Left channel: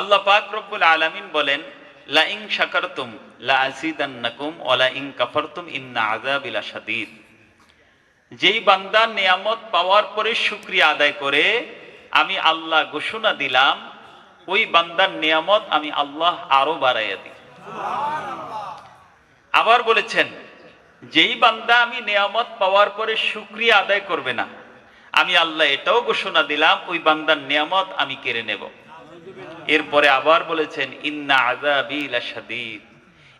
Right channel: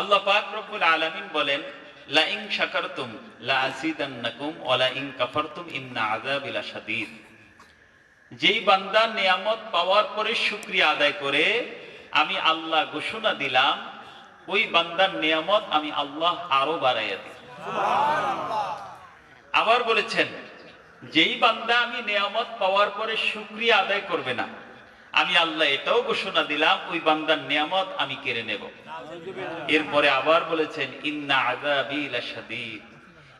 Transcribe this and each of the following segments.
আল্লাহ পাক রব্বুল আলামিন বলেন, লা ইন শাকারতুম লা আযীদান্নাকুম ওয়া লা ইন কাফারতুম ইন্না আযাবি লাশাদীদ। যেই বান্দা নিয়ামত পাওয়ার পরে শুকরিয়া আদায় করে, আমি আল্লাহ ঘোষণা দিলাম ওই বান্দার নিয়ামত আমি আল্লাহ আরো বাড়াইয়া দিই। আবার বলেছেন, যেই বান্দা আমি নিয়ামত পাওয়ার পরে শুকরিয়া আদায় করবে না, আমি আল্লাহ এটাও ঘোষণা দিলাম ওই বান্দার নিয়ামত আমি কেড়ে নেব। এরপরে আবার বলেছেন, ইন্না আযাবি লাশাদীদ।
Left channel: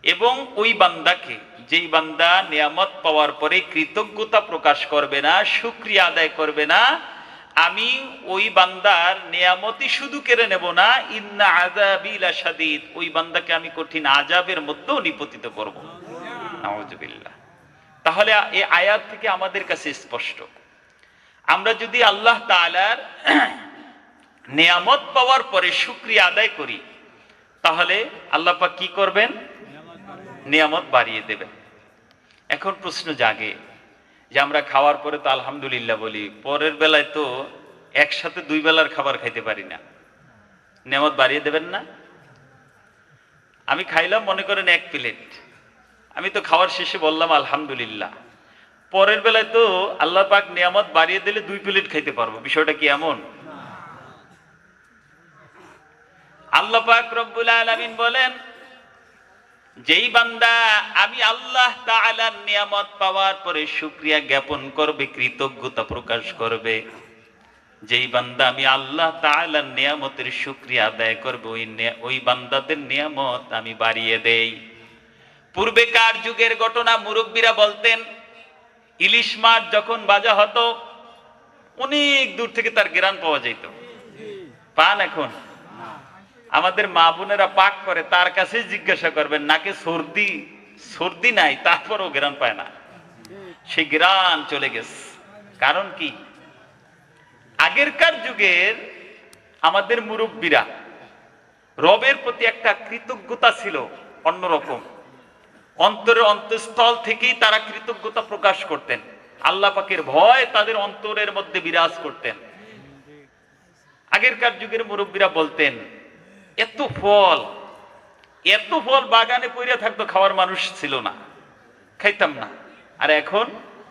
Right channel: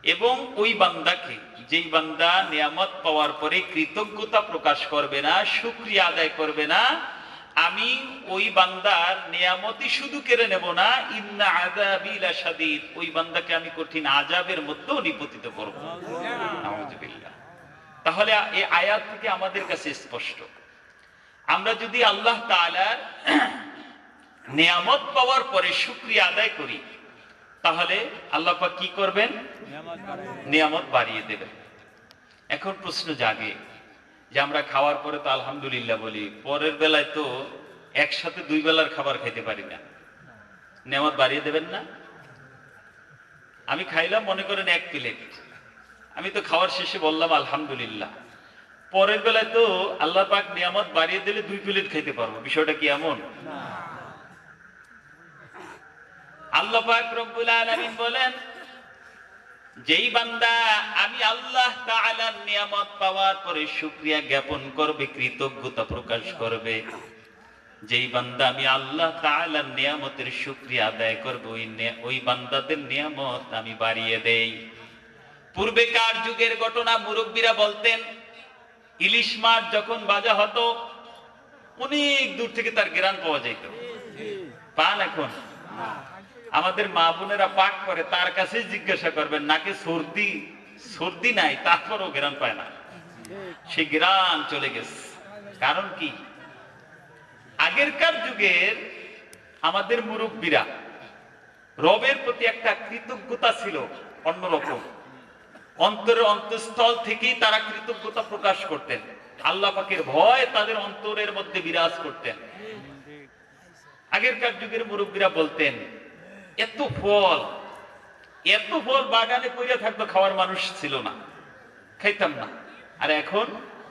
এবং ওই বান্দাকে, যেই বান্দা নিয়ামত পাওয়ার পরে কৃতজ্ঞতা প্রকাশ করবে না, শুকরিয়া আদায় করবে না, আমি ওই বান্দার নিয়ামতই শুধু কেড়ে নেব না, ইন্না আযাবি লাশাদীদ, ওই বান্দাকে আমি কঠিন আযাবের মধ্যেও নিপতিত করব। নাউযুবিল্লাহ। তাহলে এই আয়াত থেকে আমাদের কাছে স্পষ্ট, আমরা যদি আল্লাহ তাআলার নিয়ামত পাওয়ার পরে শুকরিয়া আদায় করি, তাহলে আল্লাহ পাক কি করবেন? নিয়ামত বাড়িয়ে দেবেন। এখন প্রশ্ন জাগে যে আমরা খাওয়ার পরে তো আলহামদুলিল্লাহ বলি, পরের বেলায় তো একসাথে দুই বেলার খাবার খাইতে পারি না, নিয়ামত বাড়িয়ে দেবেন না? আমি খাইলাম মনে করেন 1 প্লেট, আমি তো খাওয়ার শেষে বললাম আলহামদুলিল্লাহ, পরের বেলায় তো আল্লাহ পাক নিয়ামত বাড়িয়ে দিলে 2 প্লেট খাইতে পারবো। বিষয়টা কি এমন? আল্লাহ পাক রব্বুল আলামিন বলেন, যেই বান্দা আমি আল্লাহ তাআলার নিয়ামত পাওয়ার পরে শুকরিয়া জ্ঞাপন করবে, কৃতজ্ঞতা প্রকাশ করবে, যেই বান্দা আমি আল্লাহ তাআলার নিয়ামতের শুকরিয়া আদায় করবে, ওই বান্দাদের নিয়ামত আমি বাড়িয়ে দেই। পূর্বেকার যুগের ঘটনা মুরব্বীরা বলতেন, ইলিশ মাছ যখন ভাজা হতো অনেক দূর থেকে তার ঘ্রাণ পাওয়া যেত। পান এখন? আমাদের মা বোনেরা পাক করে, তার কাছে জিজ্ঞাসা করবেন, নাকে সর্দি নাই, তারপরও ঘ্রাণ পায় না, সেই ঘ্রাণ চলে গেছে। কারণ কি? আগেরকার যুগের আমাদের মুরব্বীরা রবের প্রতি একটা কৃতজ্ঞতা ছিল অন্যরকম, অন্তরের অন্তঃস্থল থেকেই তারা কৃতজ্ঞতা প্রকাশ করতেন, আল্লাহ পাকের ভয় তাদের অন্তরের মধ্যে বিরাজ করতেন। আগেরকার যুগের মুরব্বীরা বলতেন, এত ফল বাগানে পড়ে থাকতো, খাওয়ার মানুষ ছিল না, খাইতাম না। আর এখন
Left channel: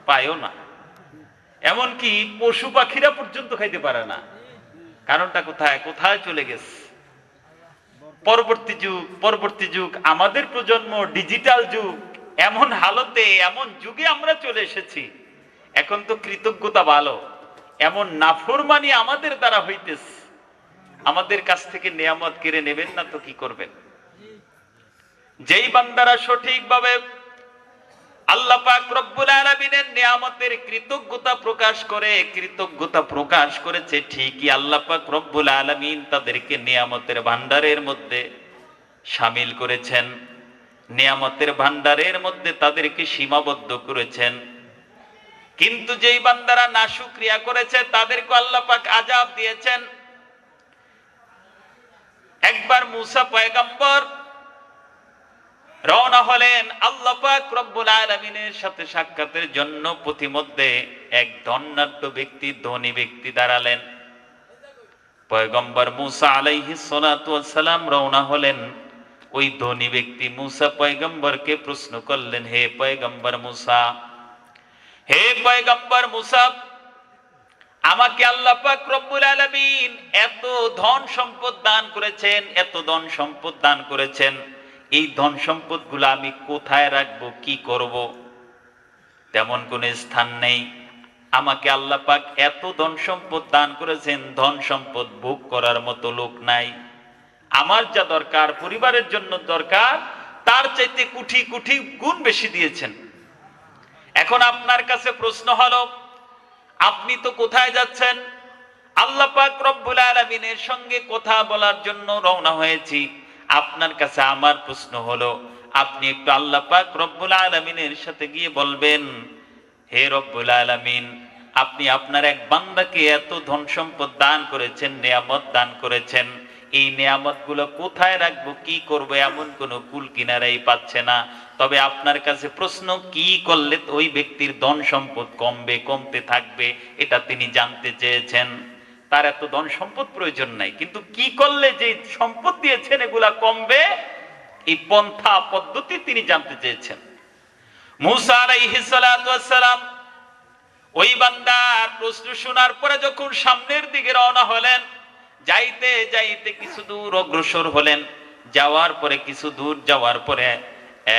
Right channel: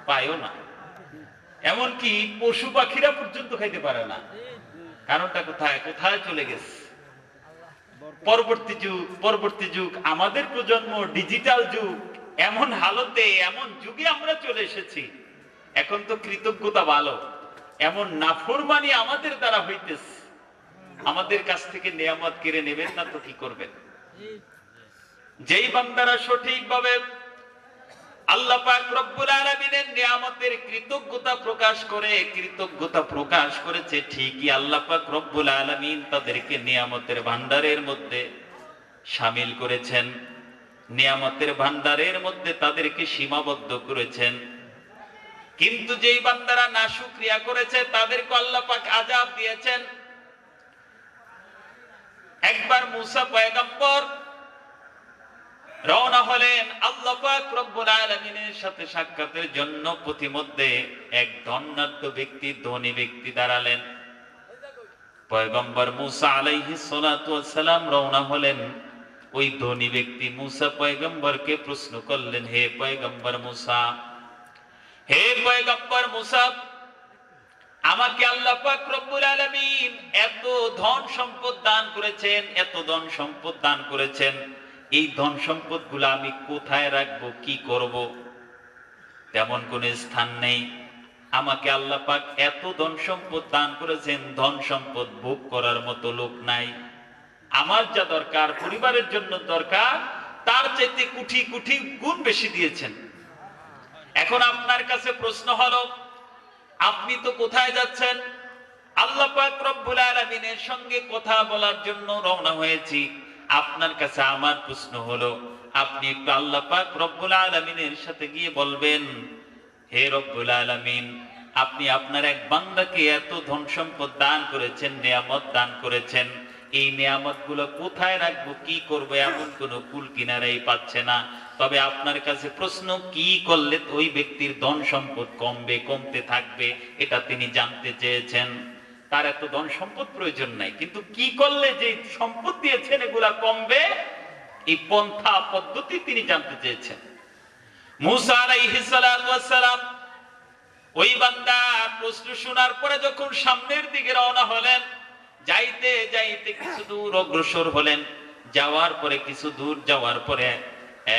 পায়ও না, এমনকি পশু পাখিরা পর্যন্ত খাইতে পারে না। কারণটা কোথায় কোথায় চলে গেছে? পরবর্তী যুগ আমাদের প্রজন্ম, ডিজিটাল যুগ, এমন হালতে, এমন যুগে আমরা চলে এসেছি। এখন তো কৃতজ্ঞতা ভালো, এমন নাফরমানি আমাদের দ্বারা হইতেছে, আমাদের কাছ থেকে নিয়ামত কেড়ে নেবেন না তো কি করবেন? যেই বান্দারা সঠিকভাবে আল্লাহ পাক রব্বুল আলামিনের নিয়ামতের কৃতজ্ঞতা প্রকাশ করেছে, ঠিকই আল্লাহ পাক রব্বুল আলামিন তাদেরকে নিয়ামতের ভান্ডারের মধ্যে শামিল করেছেন, নিয়ামতের ভান্ডারের মধ্যে তাদেরকে সীমাবদ্ধ করেছেন। কিন্তু যেই বান্দারা নাশুকরিয়া করেছে, তাদেরকে আল্লাহ পাক আযাব দিয়েছেন। একবার মুসা পয়গম্বর রওনা হলেন আল্লাহ পাক রব্বুল আলামিনের সাথে সাক্ষাতের জন্য। পথিমধ্যে এক ধনাঢ্য ব্যক্তি, ধনী ব্যক্তি দাঁড়ালেন। পয়গম্বর মুসা আলাইহিস সালাতু ওয়াস সালাম রওনা হলেন। ওই ধনী ব্যক্তি মুসা পয়গম্বরকে প্রশ্ন করলেন, হে পয়গম্বর মুসা, আমাকে আল্লাহ পাক রব্বুল আলামিন এত ধন সম্পদ দান করেছেন, এই ধন সম্পদ গুলো আমি কোথায় রাখবো, কি করব? তেমন কোন স্থান নেই। আমাকে আল্লাহ পাক এত ধন সম্পদ দান করেছেন, ধন সম্পদ ভোগ করার মতো লোক নাই। আমার যা দরকার, পরিবারের জন্য দরকার, তার চাইতে কোটি কোটি গুণ বেশি দিয়েছেন। এখন আপনার কাছে প্রশ্ন হলো, আপনি তো কোথায় যাচ্ছেন? আল্লাহ পাক রব্বুল আলামিনের সঙ্গে কথা বলার জন্য রওনা হয়েছি। আপনার কাছে আমার প্রশ্ন হলো, আপনি একটু আল্লাহ পাক রব্বুল আলামিনের সাথে গিয়ে বলবেন, হে রব্বুল আলামিন, আপনি আপনার এক বান্দাকে এত ধন সম্পদ দান করেছেন, নিয়ামত দান করেছেন, এই নিয়ামত গুলো কোথায় রাখবো, কি করবো, এমন কোন কুল কিনারাই পাচ্ছে না। তবে আপনার কাছে প্রশ্ন, কি করলে ওই ব্যক্তির ধন সম্পদ কমতে থাকবে, এটা তিনি জানতে চেয়েছেন। তার এত ধন সম্পদ প্রয়োজন নাই, কিন্তু কি করলে যে সম্পদ দিয়েছেন এগুলা কমবে, এই পন্থা পদ্ধতি তিনি জানতে চেয়েছেন। মুসা আলাইহিস সালাতু ওয়াস সালাম ওই বান্দার প্রশ্ন শোনার পরে যখন সামনের দিকে রওনা হলেন, যাইতে যাইতে কিছু দূর অগ্রসর হলেন। যাওয়ার পরে কিছু দূর যাওয়ার পরে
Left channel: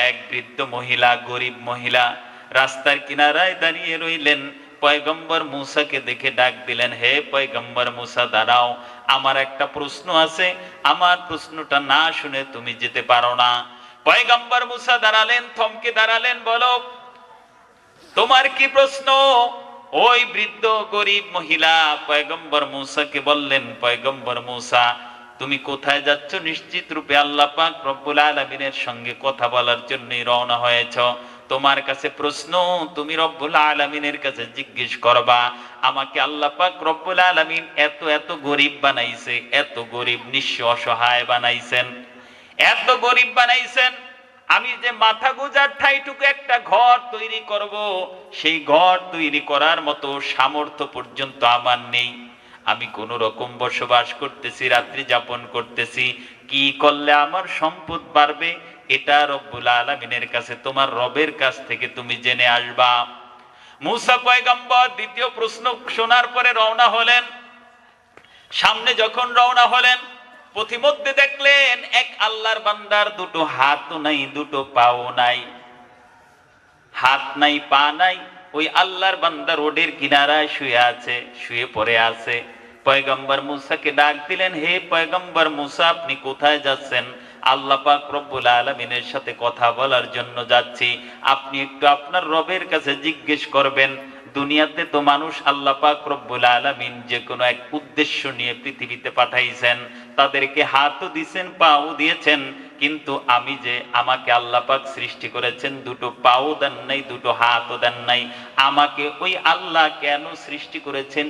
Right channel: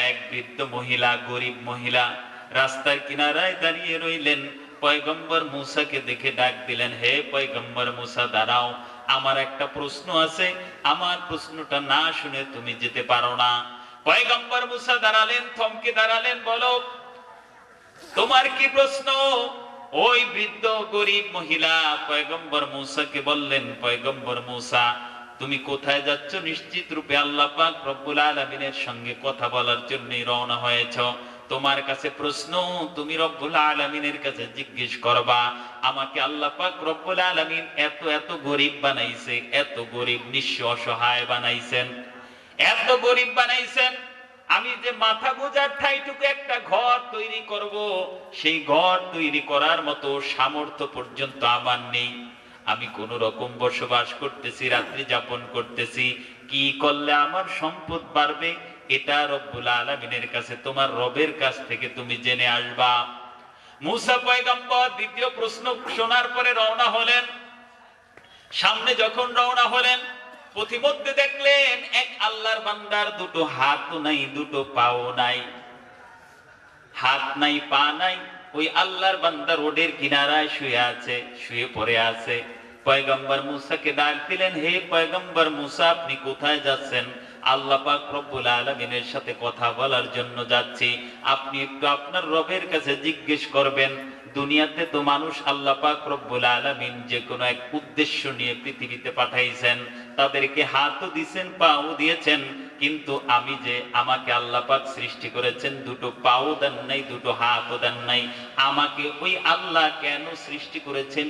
এক বৃদ্ধ মহিলা, গরিব মহিলা রাস্তার কিনারায় দাঁড়িয়ে রইলেন। পয়গম্বর মুসাকে দেখে ডাক দিলেন, হে পয়গম্বর মুসা, দাঁড়াও, আমার একটা প্রশ্ন আছে, আমার প্রশ্নটা না শুনে তুমি যেতে পারো না। পয়গম্বর মুসা দাঁড়ালেন, থমকে দাঁড়ালেন, বলো তোমার কি প্রশ্ন? ওই বৃদ্ধ গরিব মহিলা পয়গম্বর মুসাকে বললেন, পয়গম্বর মুসা, তুমি কোথায় যাচ্ছ? নিশ্চিত রূপে আল্লাহ পাক রব্বুল আলামিনের সঙ্গে কথা বলার জন্য রওনা হয়েছ। তোমার কাছে প্রশ্ন, তুমি রব্বুল আলামিনের কাছে জিজ্ঞেস করবা। আমাকে আল্লাহ পাক রব্বুল আলামিন এত এত গরিব বানাইছে, এত গরিব নিঃস্ব অসহায় বানাইছেন, এত গরিব বানাইছেন, আমি যে মাথা গোজার ঠাইটুকু একটা ঘর তৈরি করব, সেই ঘর তৈরি করার মতো সামর্থ্য পর্যন্ত আমার নেই। আমি কোন রকম বসবাস করতেছি, রাত্রি যাপন করতেছি। কি করলে আমার সম্পদ বাড়বে, এটা রব্বুল আলামিনের কাছে, তোমার রবের কাছ থেকে তুমি জেনে আসবা। মুসা পয়গম্বর দ্বিতীয় প্রশ্ন শোনার পরে রওনা হলেন। সামনে যখন রওনা হলেন, পথিমধ্যে দেখলেন এক আল্লাহর বান্দার দুটো হাত নাই, দুটো পাও নাই, হাত নাই, পা নাই। ওই আল্লাহর বান্দা রোডের কিনারায় শুয়ে আছে, শুয়ে পড়ে আছে। পয়গম্বর মুসাকে ডাক দিলেন, হে পয়গম্বর মুসা, আপনি কোথায় যাচ্ছেন? আল্লাহ পাক রব্বুল আলামিনের সাথে কথা বলার জন্য যাচ্ছি। আপনি একটু আপনার রবের কাছে জিজ্ঞেস করবেন। দুনিয়াতে তো মানুষ আল্লাহ পাক রব্বুল আলামিন যে কোনো এক উদ্দেশ্য নিয়ে পৃথিবীতে পাঠাইছেন, তাদেরকে হাতও দিয়েছেন, পাও দিয়েছেন, কিন্তু আমি যে, আমাকে আল্লাহ পাক সৃষ্টি করেছেন, দুটো পাও দেন নাই, দুটো হাতও দেন নাই। আমাকে ওই আল্লাহ কেন সৃষ্টি করেছেন